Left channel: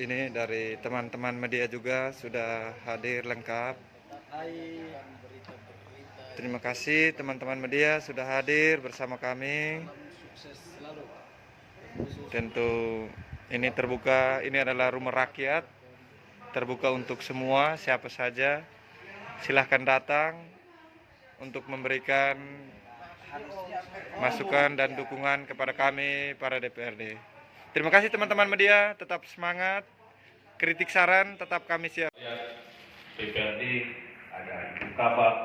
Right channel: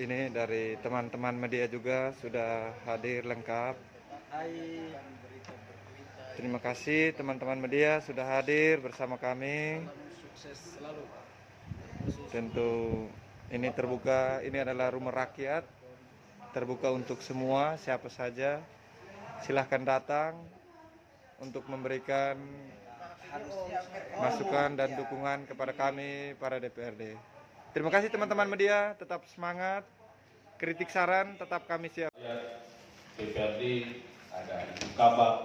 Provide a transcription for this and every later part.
ini dari teman-teman media juga sudah hadir lengkap. Terima kasih teman-teman media sudah hadir bersama kami. Tentu ini terbuka, ini adalah rumah rakyat, terbuka untuk semua, siapa saja. Silahkan datang untuk memberikan masukan dan dukungan kepada kami para DPRD. Terima kasih teman-teman media, tetap semangat. Kritik saran tetap kami siap. DPRD, ada Ibu Kabak,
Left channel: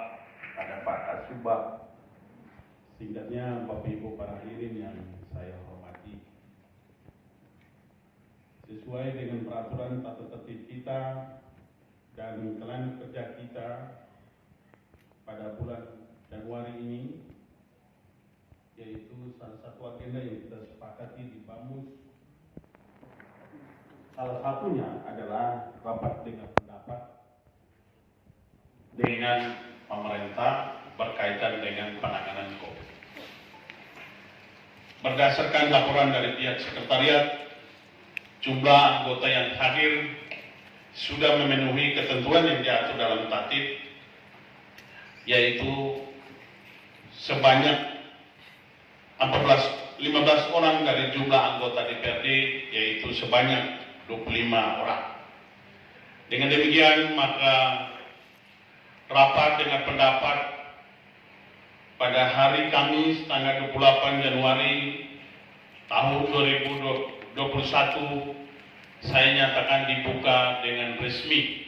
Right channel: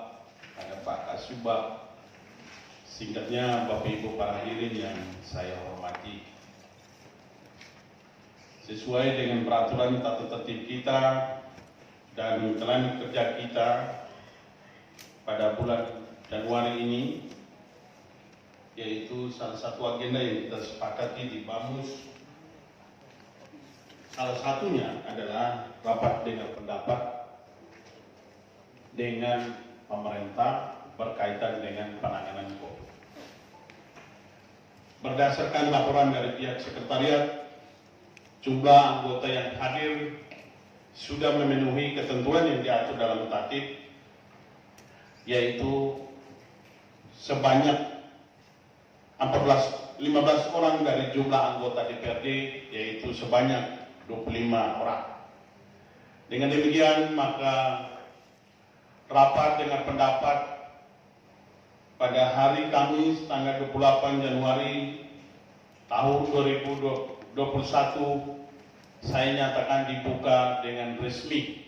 ada Pak Kasubag, singkatnya Bapak Ibu para hadirin yang saya hormati. Sesuai dengan peraturan tata tertib kita dan rencana kerja kita pada bulan Januari ini, yaitu salah satu agenda yang kita sepakati di BAMUS, salah satunya adalah rapat dengar pendapat dengan pemerintah berkaitan dengan penanganan COVID. Berdasarkan laporan dari pihak sekretariat, jumlah anggota yang hadir sudah memenuhi ketentuan yang diatur dalam tatib, yaitu sebanyak 15 orang dari jumlah anggota DPRD, yaitu sebanyak 25 orang. Dengan demikian, maka rapat dengan pendapat pada hari Kamis tanggal 28 Januari tahun 2021 saya nyatakan dibuka dengan resmi.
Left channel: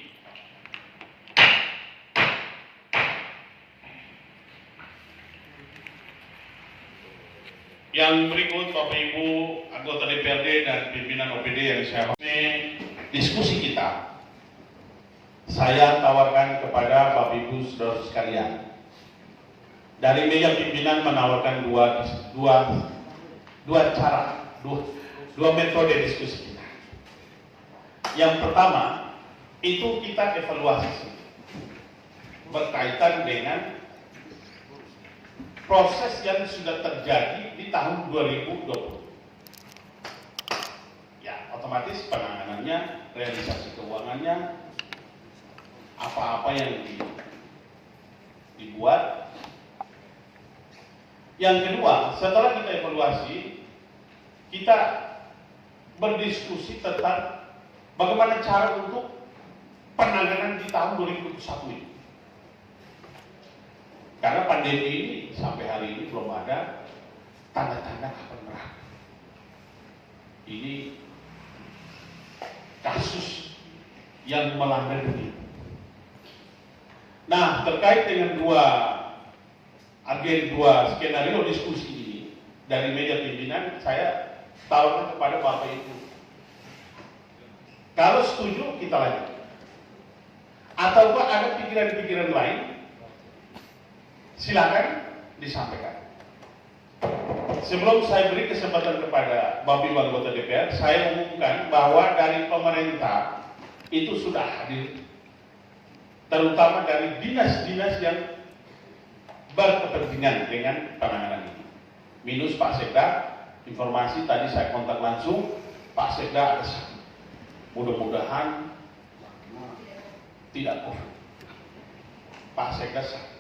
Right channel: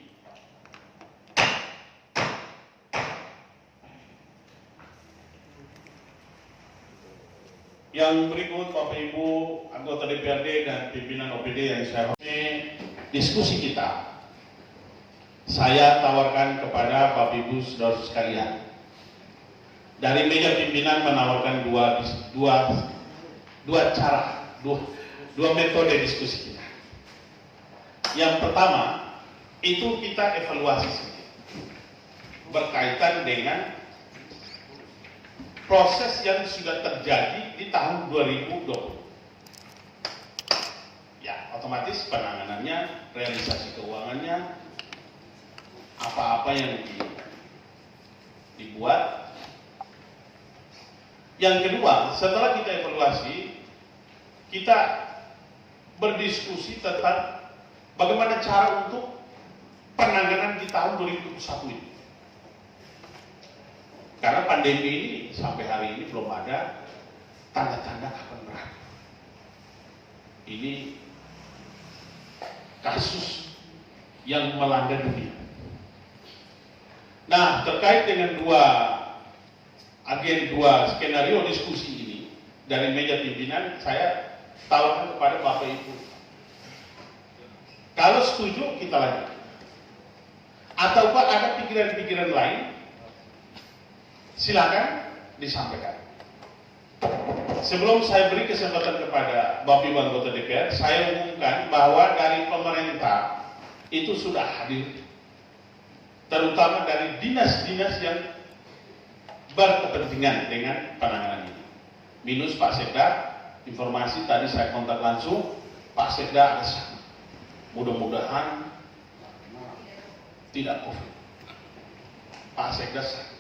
Yang berikut Bapak Ibu anggota DPRD dan pimpinan OPD yang saya hormati, diskusi kita saya tawarkan kepada Bapak Ibu saudara sekalian. Dari meja pimpinan menawarkan dua metode diskusi kita. Yang pertama itu kita evaluasi berkaitan dengan proses yang sudah terjadi di tahun 2020. Ya, otomatis penanganannya, realisasi keuangannya, apa-apa yang dibuat. Yang kedua, setelah kita evaluasi, kita berdiskusi tentang bagaimana cara untuk penanganan di tahun 2021 ini. Karena pandemi ini sampai hari ini belum ada tanda-tanda kapan berakhir. Ini kasus yang melanda dunia. Nah, terkait dengan dua skenario diskusi ini dari meja pimpinan, saya tawarkan kepada Bapak Ibu. Kalau setuju kita lanjut. Ataukah ada pikiran-pikiran lain? Silakan disampaikan. Sebelum saya beri kesempatan kepada Bapak Ibu anggota DPR, saya umumkan bahwa dari pemerintah itu sudah hadir, terutama dari dinas-dinas yang berkepentingan dengan penanganan ini. Minus Pak Sekda, informasi tadi saya kontak langsung, Pak Sekda ada sana. Mudah-mudahan tidak COVID. Pak Sekda sana.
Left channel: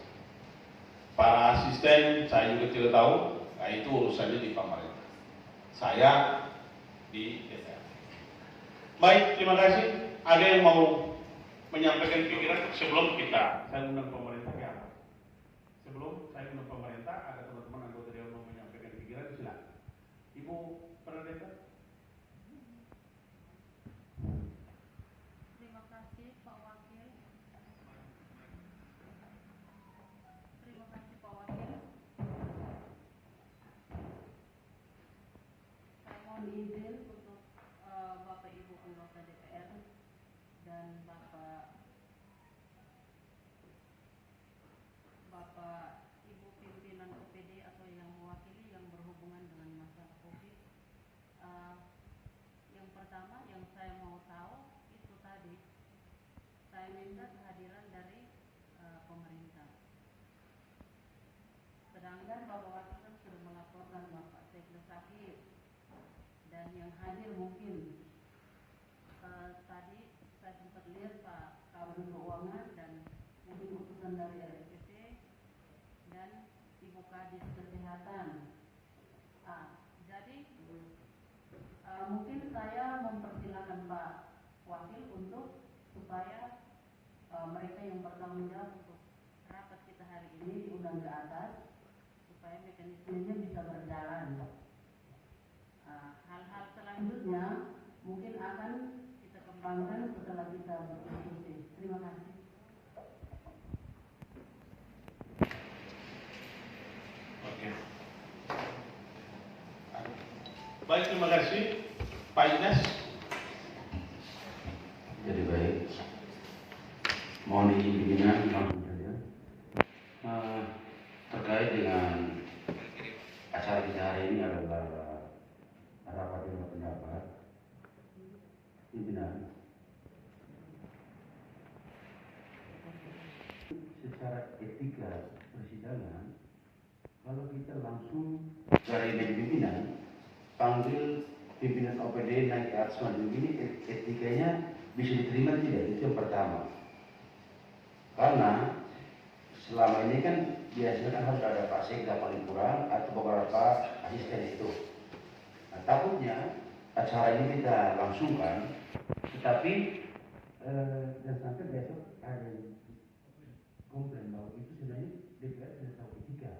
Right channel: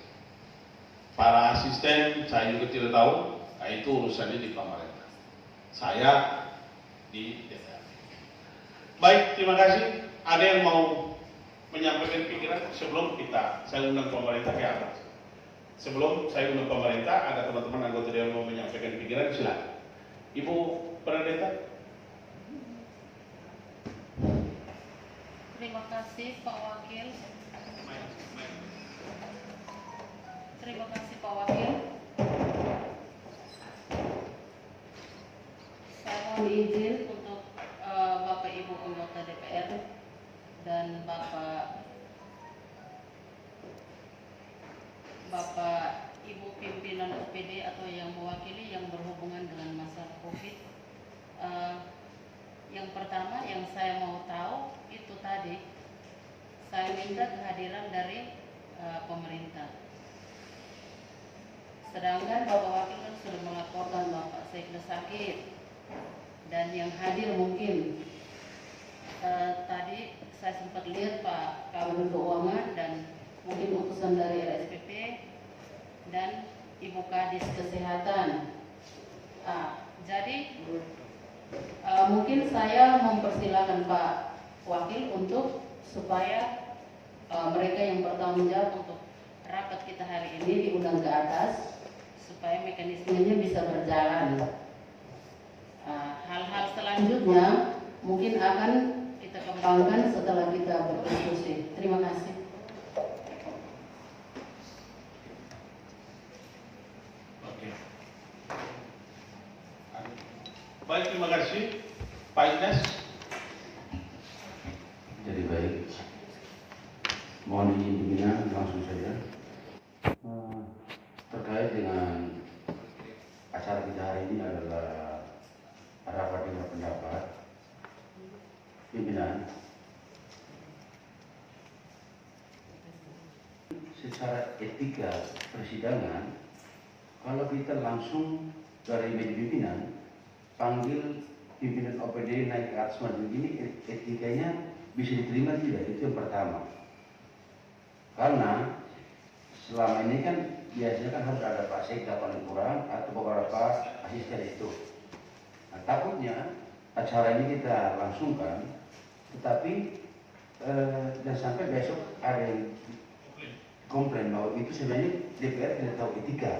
Para asisten saya juga tidak tahu, nah itu urusannya di pemerintah. Saya di DPR. Baik, terima kasih. Ada yang mau menyampaikan pikiran sebelum saya undang pemerintah ke atas? Sebelum saya undang pemerintah, ada teman-teman anggota yang mau menyampaikan pikiran, silakan. Ibu Pendeta. Terima kasih Pak Wakil. Terima kasih Pak Wakil. Saya mohon izin untuk Bapak Ibu anggota DPR dan Bapak Ibu pimpinan OPD atau yang mewakili yang berhubungan dengan masalah COVID. Yang pertama yang saya mau tahu itu tadi, saya minta kehadiran dari pemerintah. Sedangkan Bapak Wakil kan sudah melaporkan Bapak Sekda sakit dan yang hadir mungkin Departemen Keuangan dan mungkin utusan dari RSPP dan Ibu Kadis Kesehatan. Jadi mungkin saya mempersilahkan Pak Wakil untuk supaya mereka yang bertanggung jawab untuk rapat kita hari ini diundang ke atas supaya mekanismenya bisa berjalan. Hal-hal selanjutnya mungkin akan kita kembangkan setelah kita berdiskusi. Terima kasih. Oke. Baik, terima kasih Pak Ines. Jadi baik, mohon izin langsung saja terkait dengan acara kita hari ini adalah rapat dengar pendapat pimpinan. Secara etika persidangan, kalau kita langsung dari meja pimpinan panggil pimpinan OPD naik ke atas maju ini, etikanya bisa diterima tidak? Itu yang pertama. Karena selama ini kan biasanya kan harus ada Pak Sekda paling kurang atau beberapa asisten itu. Nah, takutnya acara ini kita langsungkan, tetapi dan sampai besok ada yang komplain bahwa itu sebenarnya DPR tidak tahu etika.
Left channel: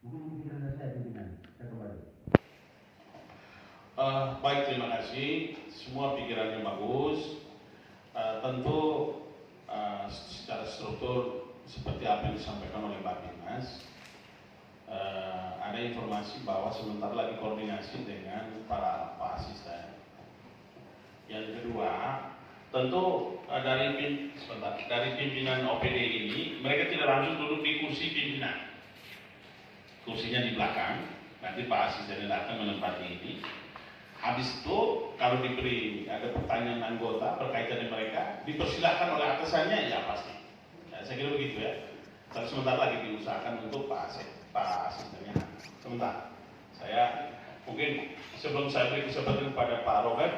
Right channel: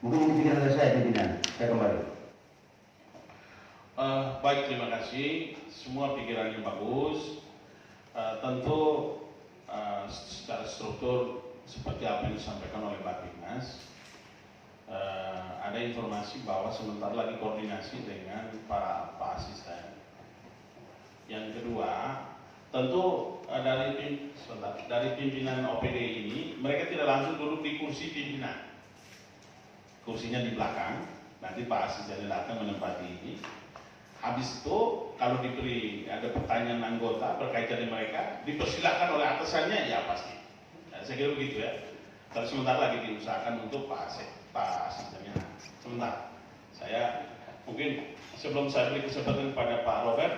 Mungkin pikiran saya pimpinan, saya kembali. Baik, terima kasih. Semua pikirannya bagus. Tentu secara struktur seperti apa yang disampaikan oleh Pak Dimas, ada informasi bahwa sebentar lagi koordinasi dengan Pak Asisten. Yang kedua, tentu dari pimpinan OPD ini, mereka tidak langsung duduk di kursi pimpinan. Kursinya di belakang, nanti Pak Asisten datang menempati ini. Habis itu kalau diberi ada pertanyaan anggota berkaitan dengan mereka, dipersilakan oleh atasannya, ya pasti. Ya, saya kira begitu ya. Tapi sebentar lagi diusahakan untuk Pak Asistennya. Sebentar, saya mungkin sebelum saya beri kesempatan kepada Pak Robert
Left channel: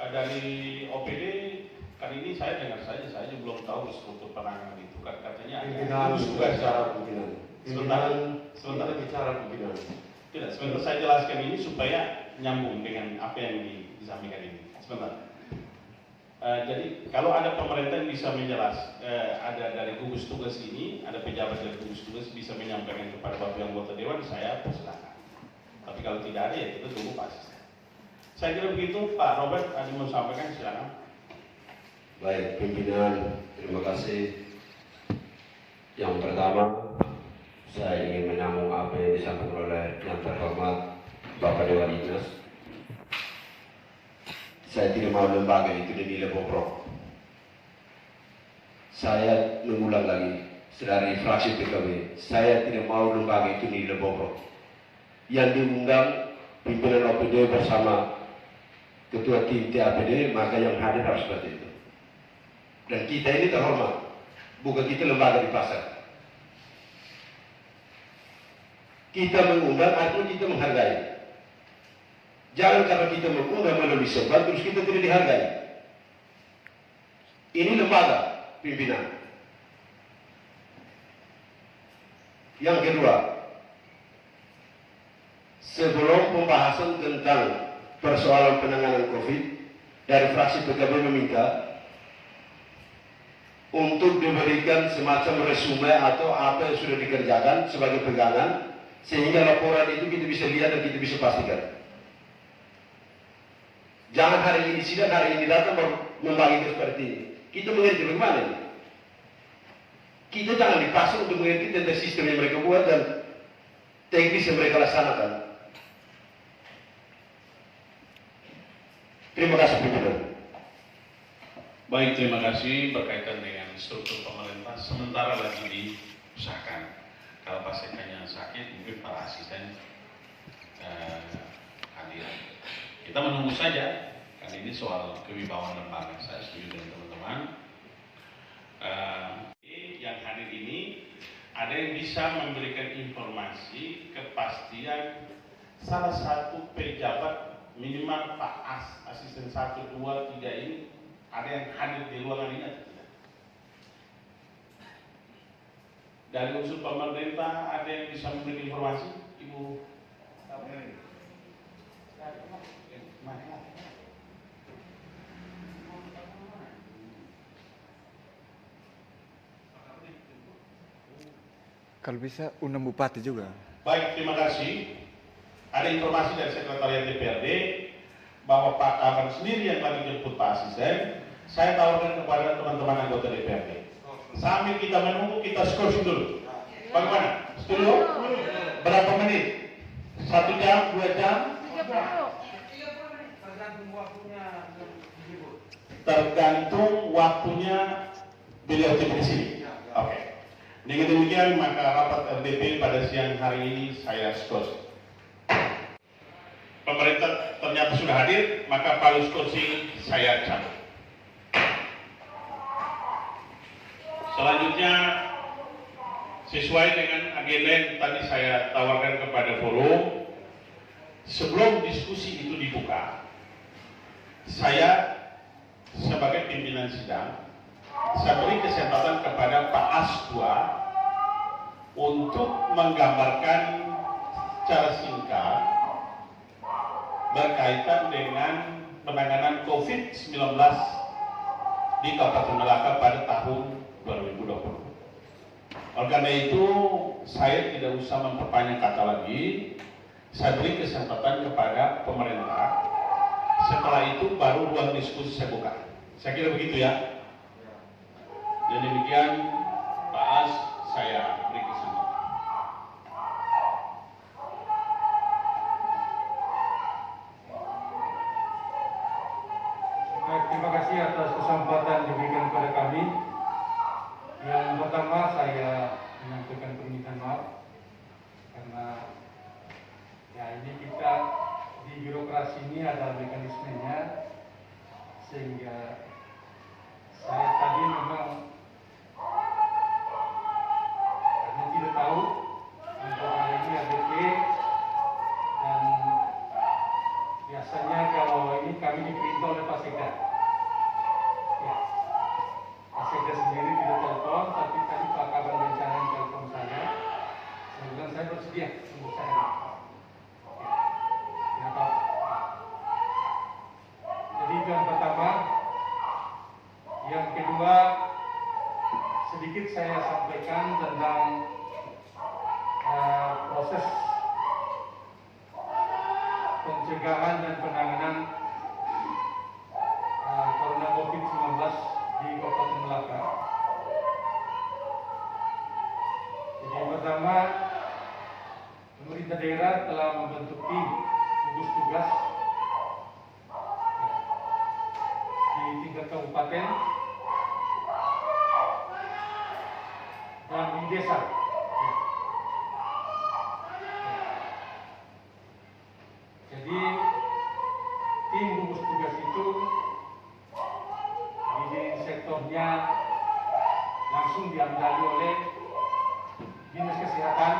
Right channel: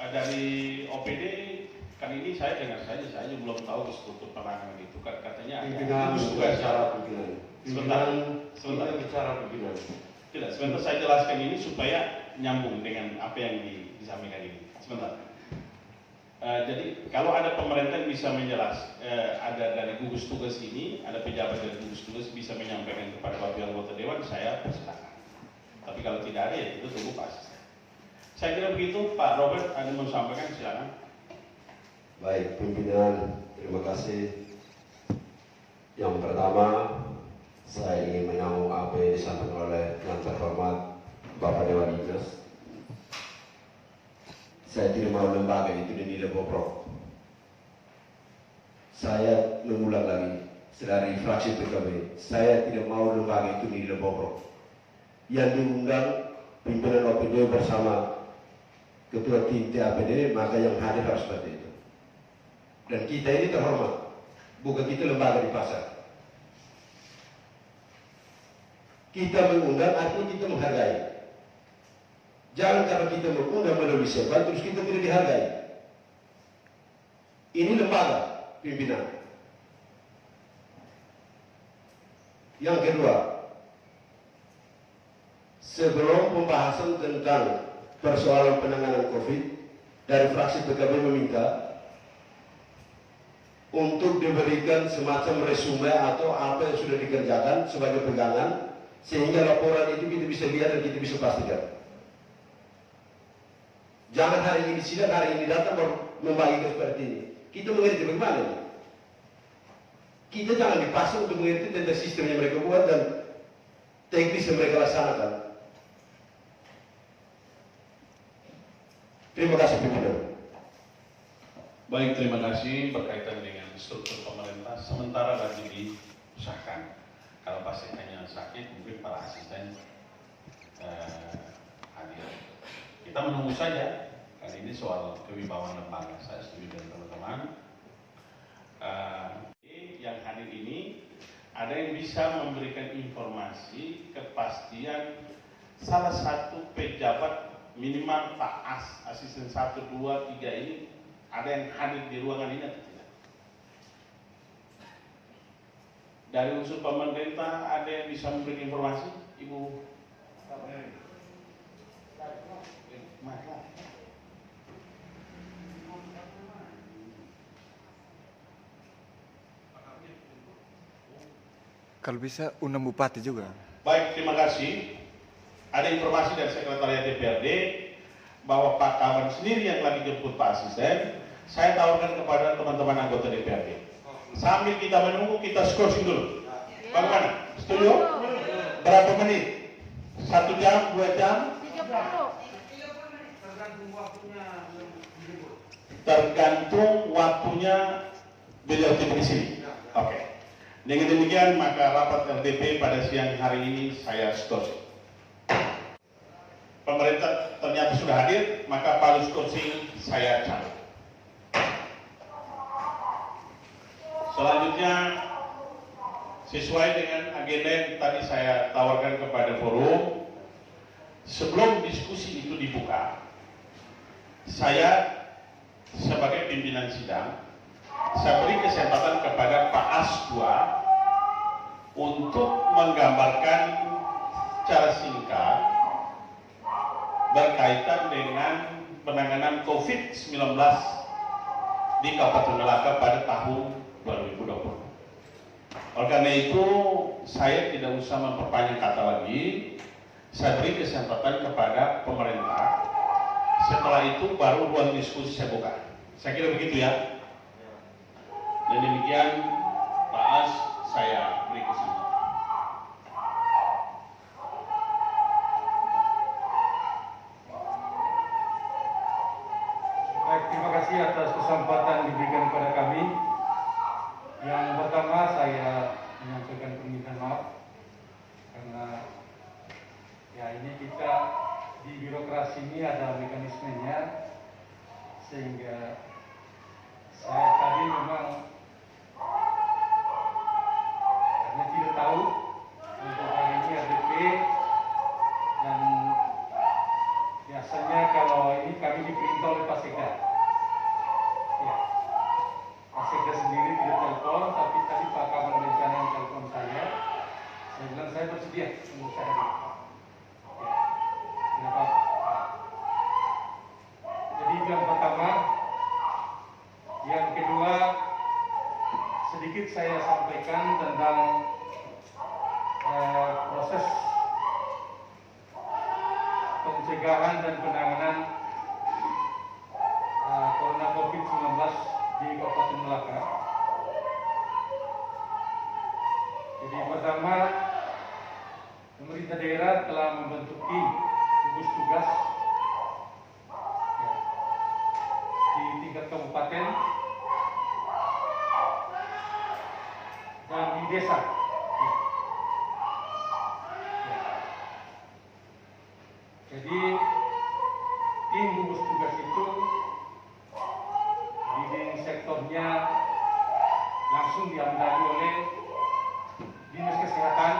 dari OPD kali ini saya dengar saja, saya belum tahu struktur penanganan itu. Katanya ada tugas bicara pimpinan. Sebentar bicara pimpinan. Tidak, sebentar saya jelaskan ini supaya nyambung dengan apa yang disampaikan ini. Sebentar. Jadi kalau ada pemerintah yang bisa ada dari gugus tugas ini, ada pejabat dari gugus tugas bisa menyampaikan kepada wakil anggota dewan, saya persilakan. Tapi kalau tidak ada, ya itu tunggu Pak Asisten. Saya kira begitu, Pak Robert ada mau sampaikan, silakan. Baik, pimpinan, terima kasih. Yang pertama, saya ingin menyambung apa yang disampaikan oleh yang terhormat Bapak Dewan Dinas. Saya tidak mau lembaga itu dinilai bobrok. Saya mengulang lagi, dari fraksi PKB, saya tidak mau lembaga itu dinilai bobrok. Yang diundang pimpinan OPD bersama ketua tim TAPD, maka yang hadir harus seperti itu. Dan kita ini terhormat, bukan kita lembaga di pasar. Kita mengundang artinya kita menghargai. Jangan karena kita mengundang melalui serban terus kita tidak dihargai. Ini lembaga pimpinan. Yang kedua, sebelum pembahasan tentang persoalan penanganan COVID, dari fraksi PKB meminta untuk diberikan semacam resume atau apa yang sudah dikerjakan sebagai pegangan, sehingga laporan itu kita bisa lihat dan kita bisa pastikan. Jangan hari ini sidang, hari ini datang membagi seperti ini. Kita mengerti bagaimana ini. Kita jangan dipaksa untuk mengerti tentang sistem yang mereka buat dan teknis yang mereka laksanakan. Terima kasih, pimpinan. Baik, terima kasih. Berkaitan dengan struktur pemerintah, sementara lagi diusahakan. Kalau pasiennya sakit, mungkin para asisten hadir. Kita menunggu saja. Kali ini soal kewibawaan lembaga, saya setuju dengan teman-teman. Yang hadir ini ada yang bisa memberikan informasi kepastian salah satu pejabat minimal Pak Asisten 1, 2, 3 ini Ada yang hadir di ruangan ini atau tidak? Dari unsur pemerintah ada yang bisa memberi informasi? Ibu Kalau bisa undang bupati juga. Baik, terima kasih. Ada informasi dari Sekretariat DPRD bahwa Pak Kaban sendiri yang lagi jemput Pak Asisten. Saya tawarkan kepada teman-teman anggota DPRD. Sambil kita menunggu, kita scrolling dulu. Bagaimana? Setuju? Berapa menit? 1 jam, 2 jam? Tergantung waktunya beliau tiba di sini. Oke. Dengan demikian maka rapat RDP pada siang hari ini saya skors. Pemerintah ternyata sudah hadir, maka palu skorsing saya cabut. Selanjutnya sesuai dengan agenda yang tadi saya tawarkan kepada forum, sebelum diskusi itu dibuka, saya sebagai pimpinan sidang saya beri kesempatan kepada Pak Asdua untuk menggambarkan secara singkat berkaitan dengan penanganan COVID-19 di Kabupaten Melaka pada tahun 2020. Oleh karena itu, saya tidak usah memperpanjang kata lagi, saya beri kesempatan kepada pemerintah. Setelah itu baru ruang diskusi saya buka. Saya kira begitu ya. Dan demikian Pak As, saya beri kesempatan. Baik, terima kasih atas kesempatan diberikan kepada kami. Yang pertama saya menyampaikan permintaan maaf karena ya ini kita di birokrasi ini ada mekanismenya sehingga saya tadi memang karena tidak tahu untuk hari ini RDP dan biasanya kalau ini kami diperintah oleh Pak Sekda. Ya, Pak Sekda sendiri tidak telepon, tapi tadi Pak Kabar Bencana yang telepon saya. Saya bilang saya bersedia untuk saya. Ya, tidak apa. Jadi itu yang pertama. Yang kedua, sedikit saya sampaikan tentang proses pencegahan dan penanganan corona COVID-19 di Kabupaten Melaka. Jadi pertama, pemerintah daerah telah membentuk tim gugus tugas di tingkat kabupaten dan di desa. Jadi tim gugus tugas itu di sektornya langsung diambil oleh Dinas Kesehatan,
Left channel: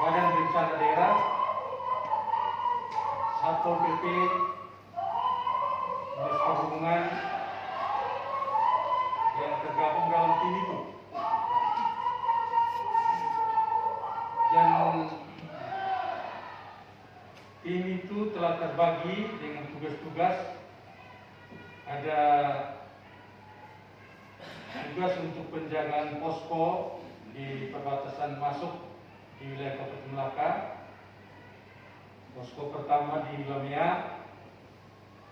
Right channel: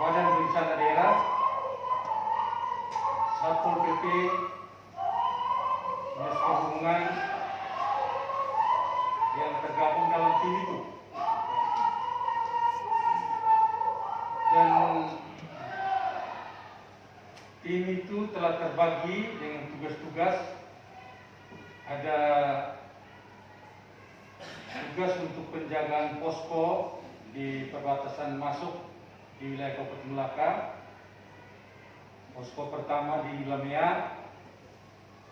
Badan Bencana Daerah, Satpol PP, Dinas Perhubungan yang tergabung dalam tim itu. Dan tim itu telah terbagi dengan tugas-tugas. Ada tugas untuk penjagaan posko di perbatasan masuk di wilayah Kabupaten Melaka. Posko pertama di Lamea,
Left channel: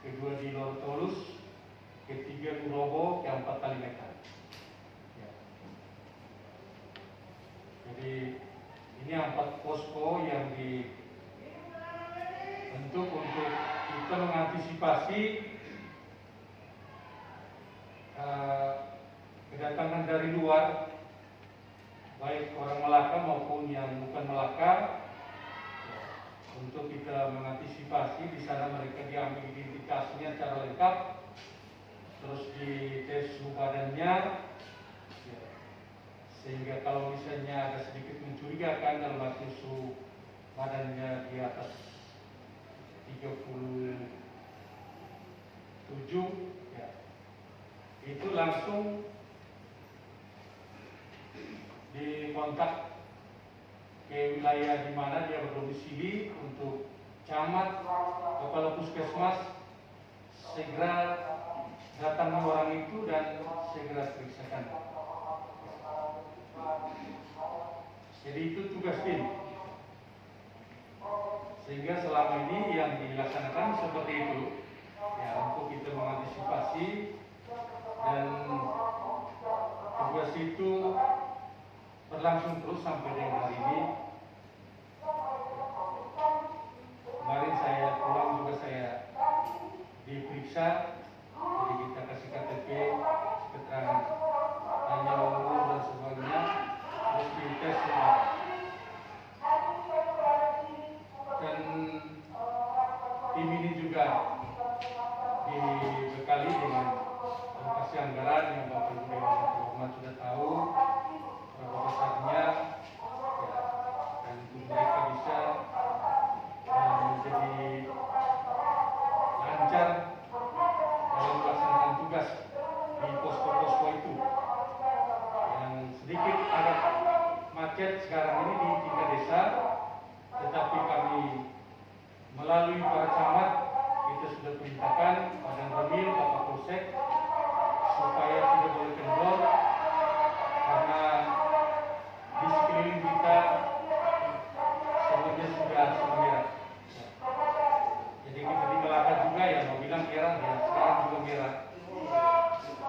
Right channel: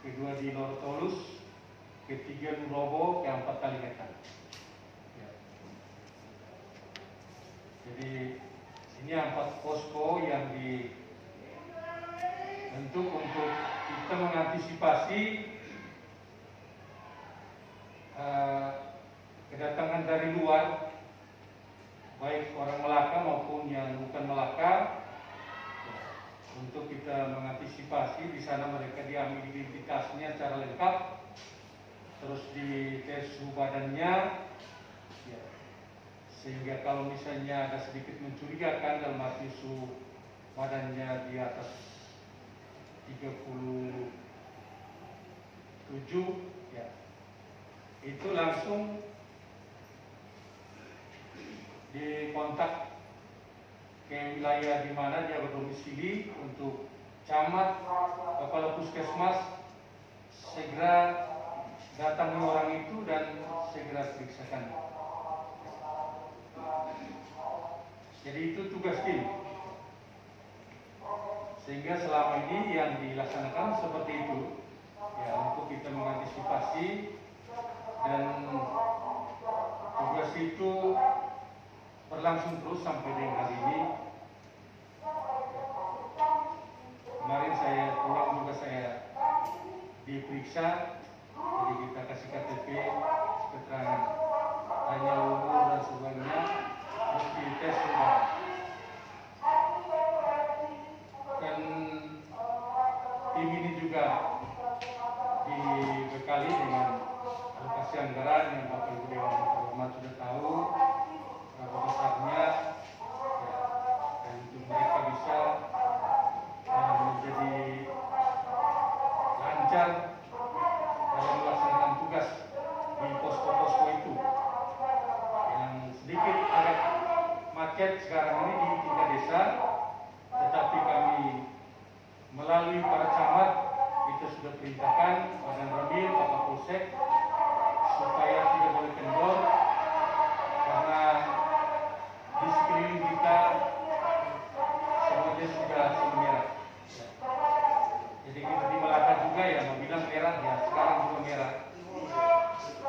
kedua di Norotolus, ketiga di Robo, keempat Kalimetan. Ya. Jadi ini 4 posko yang dibentuk untuk kita mengantisipasi kedatangan dari luar, baik orang Melaka maupun yang bukan Melaka, untuk kita mengantisipasi di sana mereka diambil identitasnya secara lengkap, terus dites suhu badannya, ya, sehingga kalau misalnya ada sedikit mencurigakan dalam arti suhu badannya di atas 30 ya, itu langsung dikontak ke wilayah di mana dia berdomisili untuk camat, kepala puskesmas segera datangi orang itu dan segera periksakan. Jadi itu tugas tim. Sehingga selama ini yang dilaksanakan seperti itu, ya, untuk kita mengantisipasi, dan tugas itu berlangsung terus sampai dengan hari ini. Kemarin saya pulang juga saya diperiksa, jadi kita kasih KTP, keterangan hanya umur dan sebagainya, terus dites semua. Dan tim ini juga dibekali dengan alokasi anggaran yang Bapak Ibu Dewan Terhormat sudah tahu berapa besarnya, ya, dan mereka bisa menjadi lancar dalam melaksanakan tugas di posko-posko itu yang sedikit agak macet sekarang ini di tingkat desa, tetapi kami melalui para camat kita sudah perintahkan Pak Ramil, Bapak Polsek supaya tidak boleh kendor karena di sekeliling kita semuanya sudah merah. Jadi kita di Melaka juga ya mau bilang merah ya, sekarang juga merah.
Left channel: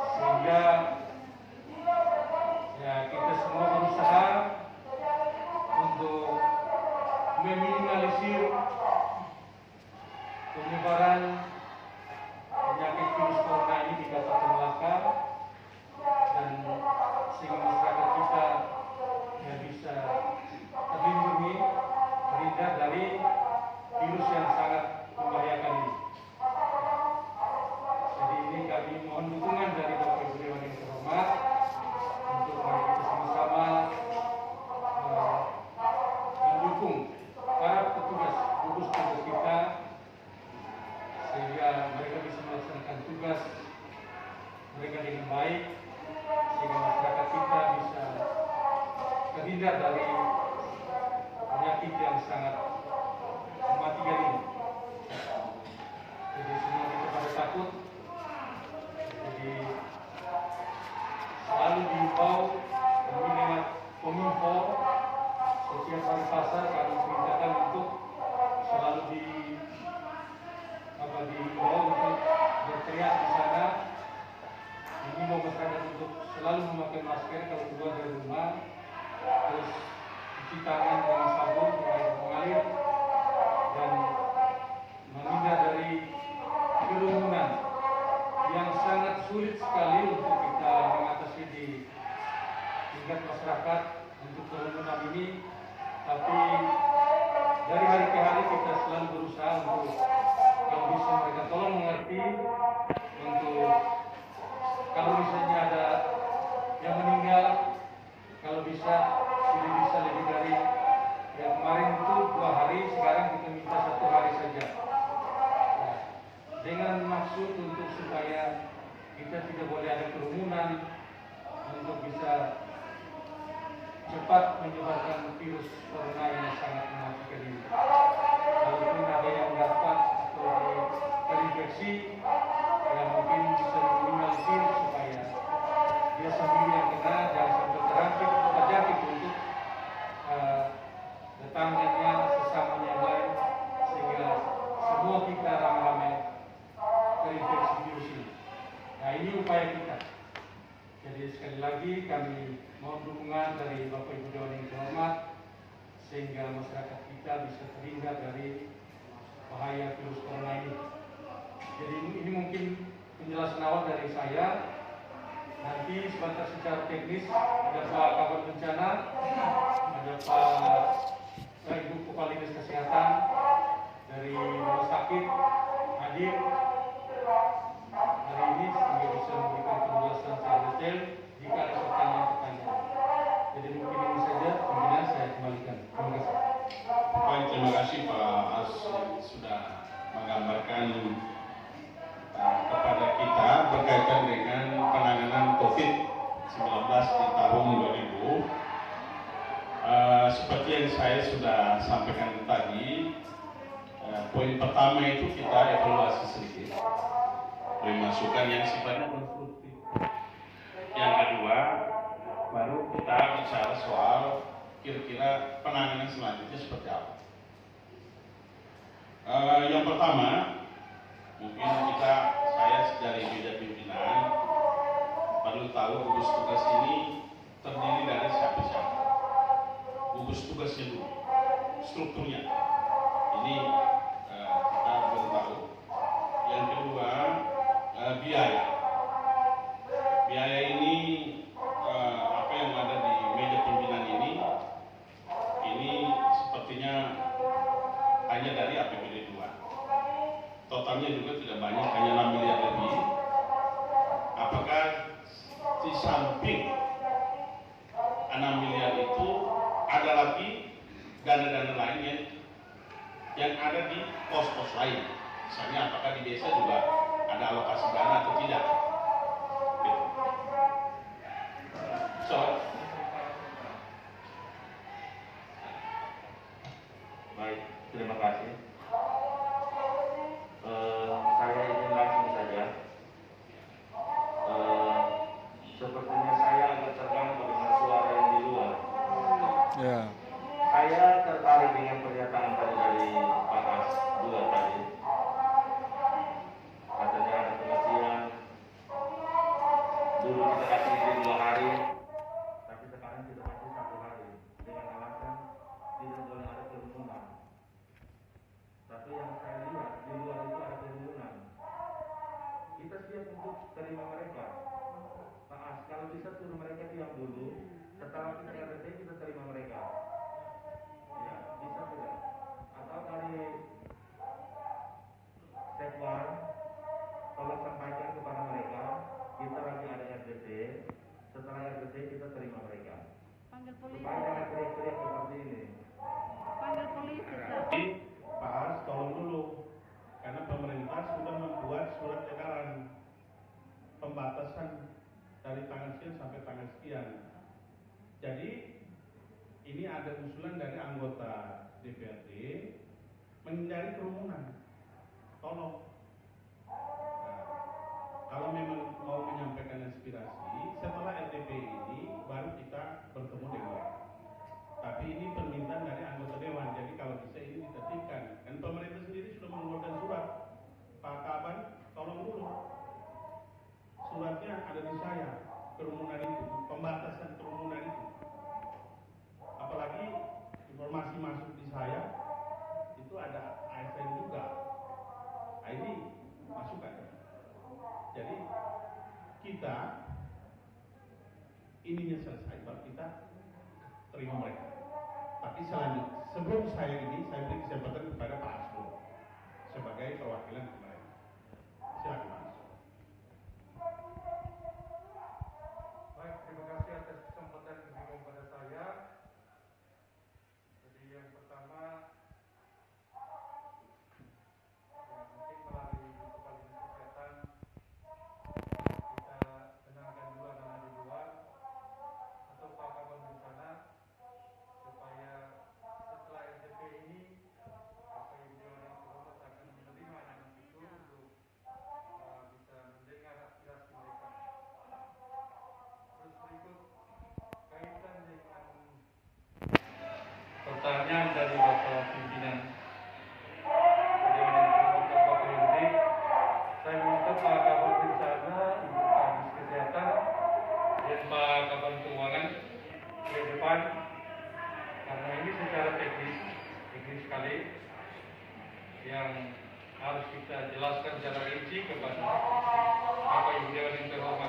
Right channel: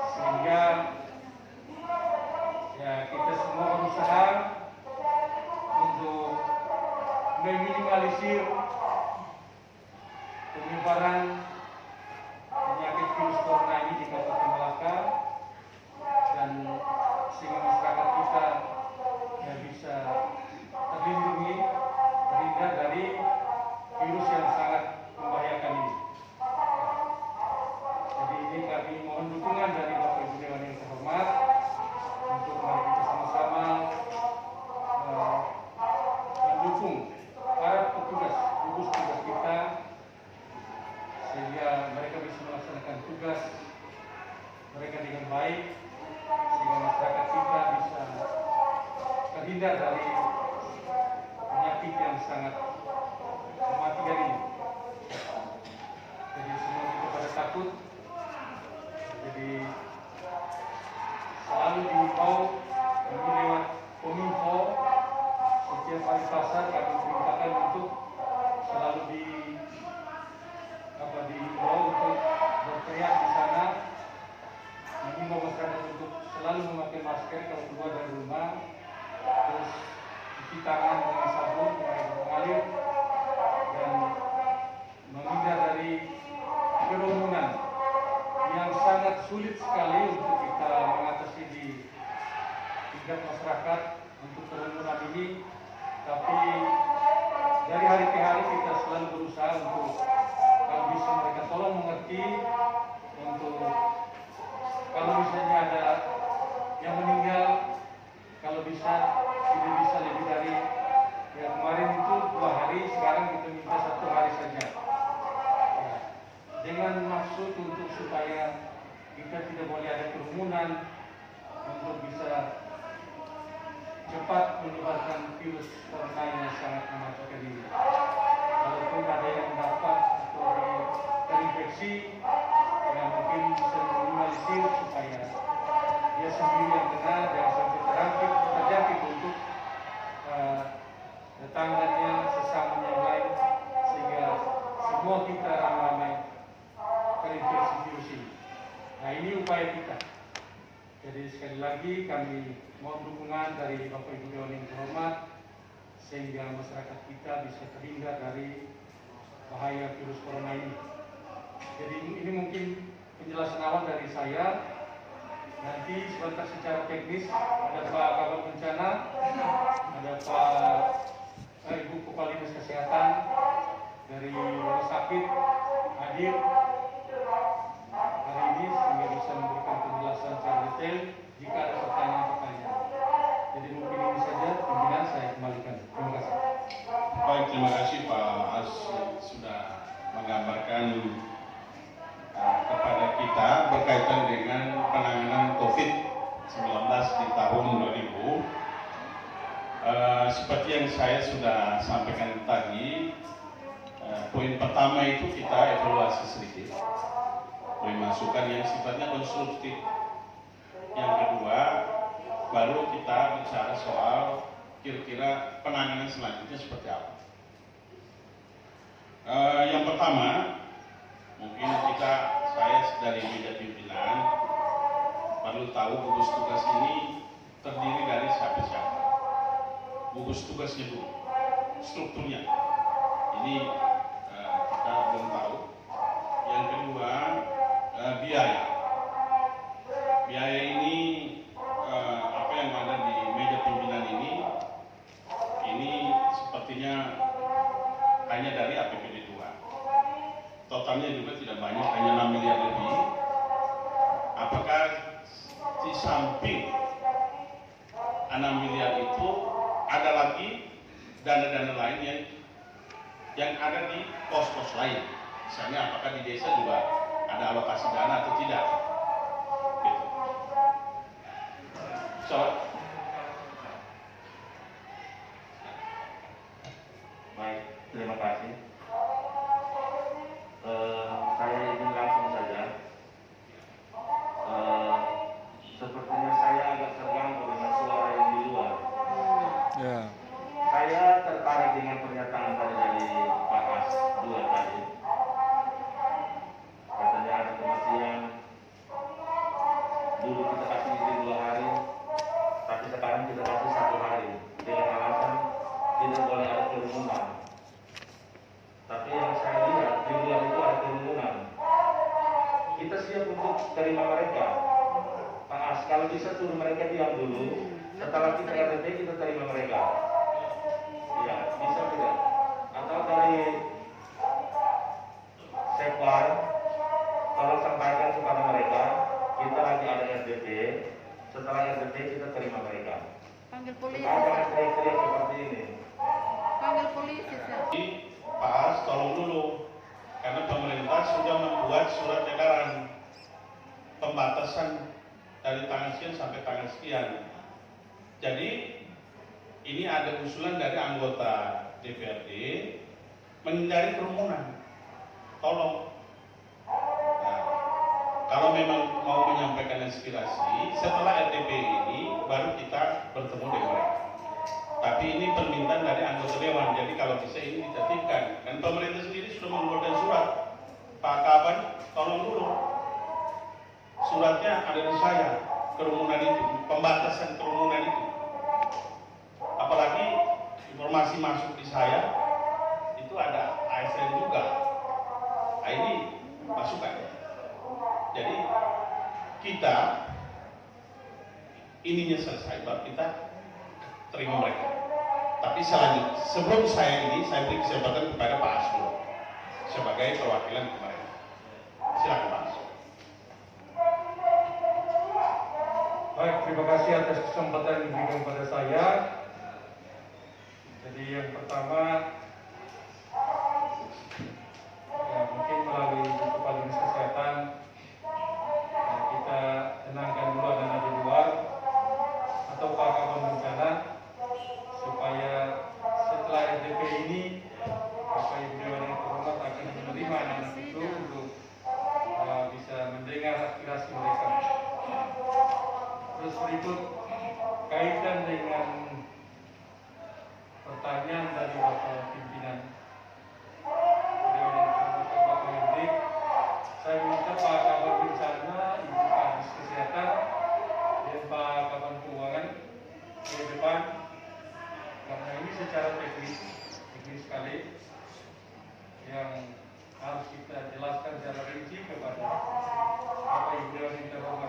Sehingga ya kita semua berusaha untuk meminimalisir penyebaran penyakit virus corona ini di Kabupaten Melaka, dan sehingga masyarakat kita ya bisa terlindungi, terhindar dari virus yang sangat membahayakan ini. Jadi ini kami mohon dukungan dari Bapak Ibu Dewan yang terhormat untuk mari kita sama-sama mendukung para petugas gugus tugas kita sehingga mereka bisa melaksanakan tugas mereka dengan baik, sehingga masyarakat kita bisa terhindar dari penyakit yang sangat mematikan ini. Jadi semua kita pada takut, jadi selalu dihimbau kami lewat Kominfo setiap hari pasar kami perintahkan untuk selalu dihimbau untuk berteriak di sana, mengimbau masyarakat untuk selalu memakai masker kalau keluar dari rumah, terus cuci tangan dengan sabun dengan air mengalir, dan menghindar dari kerumunan yang sangat sulit sekali untuk kita mengatasi di tingkat masyarakat untuk kerumunan ini. Tapi dari hari ke hari kita selalu berusaha untuk kalau bisa mereka tolong mengerti, untuk kalau misalnya ada yang meninggal, kalau bisa tidak bisa lebih dari ya kemarin itu 2 hari, sekarang kita minta 1 hari saja, ya, dengan maksud untuk supaya kita tidak boleh ada kerumunan, untuk bisa cepat menyebarkan virus corona yang sangat mematikan ini. Walaupun ada yang dapat atau terinfeksi, yang mungkin bisa meminimalisir supaya dia sendiri yang kena dan sampai terjangkit untuk tetangganya, sesamanya yang lain, sehingga semua kita ramai-ramai terinfeksi virus ini. Nah, ini upaya kita. Jadi sekali lagi kami mohon dukungan dari Bapak Ibu Dewan yang terhormat sehingga masyarakat kita bisa terhindar dari bahaya virus corona ini. Jadi ini mungkin penjelasan awal dari saya. Nanti sebentar secara teknis ada Pak Kabit Bencana, ada Ibu Kepala Dinas Kesehatan dari Rumah Sakit hadir hari ini sehingga bisa memberikan penjelasan secara detail jika ada pertanyaan-pertanyaan. Jadi mungkin ini saja pimpinan, saya kembalikan. Terima kasih. Baik, terima kasih Pak As sudah menggambarkan kepada kita yang saya sudah sampaikan tadi, poin pertama itu kita evaluasi sedikit, masukan yang sifatnya konstruktif. Yang kedua, baru kita bicara soal kira-kira penanganan selanjutnya seperti apa. Yang pertama, mungkin saya dari meja pimpinan perlu tahu gugus tugas ini terdiri dari siapa-siapa. Gugus tugasnya dulu, strukturnya. Ini kita belum tahu. Yang kedua, biaya. Biaya ini apa yang ada di meja pimpinan ini sepertinya hanya dari APBD 2. Totalnya juga tidak banyak, hanya 6 miliar lebih. Apakah di samping 6 miliar itu ada lagi dana-dana lain yang ada di pos-pos lain? Misalnya apakah di desa juga ada alokasi dana atau tidak? Gitu. Baik, terima kasih. Saya ingin langsung saja. Sepertinya saya agak terganggu dengan suara yang di luar. Ya. Saya tertarik dengan pernyataan tadi dari Pak As 2 tadi. Katanya ada pengertian. Dulu kita kasih izin 2 hari, tapi sekarang kita kasih 1 hari. Dengan alasan tidak boleh ada kerumunan. Tapi yang saya lihat di luar itu ada kerumunan. Kita siap untuk terima mereka. Pak As, kalau bisa suruh mereka diam dulu. Setelah kita RDP kita terima mereka. Ya, bisa tidak? Atau dari Sekwan, tolong sampaikan kepada mereka, kita lagi ada RDP. Setelah RDP kita terima mereka. Panggil polisi. Jangan teriak-teriak seperti ini. Panggil polisi. Jadi Pak As tolong dulu, karena pemerintah sudah membuat surat edaran pembatasan dari tanggal sekian sampai tanggal sekian. Jadi ini ada usulan dari anggota DPRD menghindari kerumunan. Tolong. Nah, kalau memang mau menyampaikan aspirasi, setelah RDP ini baru kita bertemu dengan mereka. Tapi ini permintaan dari anggota dewan, jadi kalau bisa ini ditertibkan. Dan pemerintah sendiri sudah mengeluarkan surat. Pak Kaban, tolong dulu. Suratnya ada di saya, kerumunan itu, pembatasan kerumunan itu. Apalagi informasi masuk di saya, itu ada ASN juga. Nah, ini masukan. Jadi kita ininya selesai, baru kita terima mereka. Tapi selanjutnya, sebelum saya beri kesempatan kepada Pak As dulu sebagai perwakilan pemerintah. Silakan Pak As. Baik, terima kasih atas kesempatan yang diberikan kepada saya. Jadi yang pertama, ya mungkin melalui Kepala Dinas Kesehatan, kita tenangkan dulu anak di luar atau Pak Kaban Bencana, supaya setelah RDP ini, Bapak Ibu Dewan yang terhormat akan menerima anak itu untuk bisa mendengar aspirasi mereka. Terus berikut kaitan dengan pertanyaan dari Bapak Pimpinan Dewan yang terhormat Bapak Yudi, saya minta Pak Kabar Bencana, Ibu Kadis Kesehatan dan Pak Kabar Keuangan ke depan, karena ini secara teknis sekali yang harus kita jelaskan secara rinci kepada Bapak Ibu Dewan yang terhormat.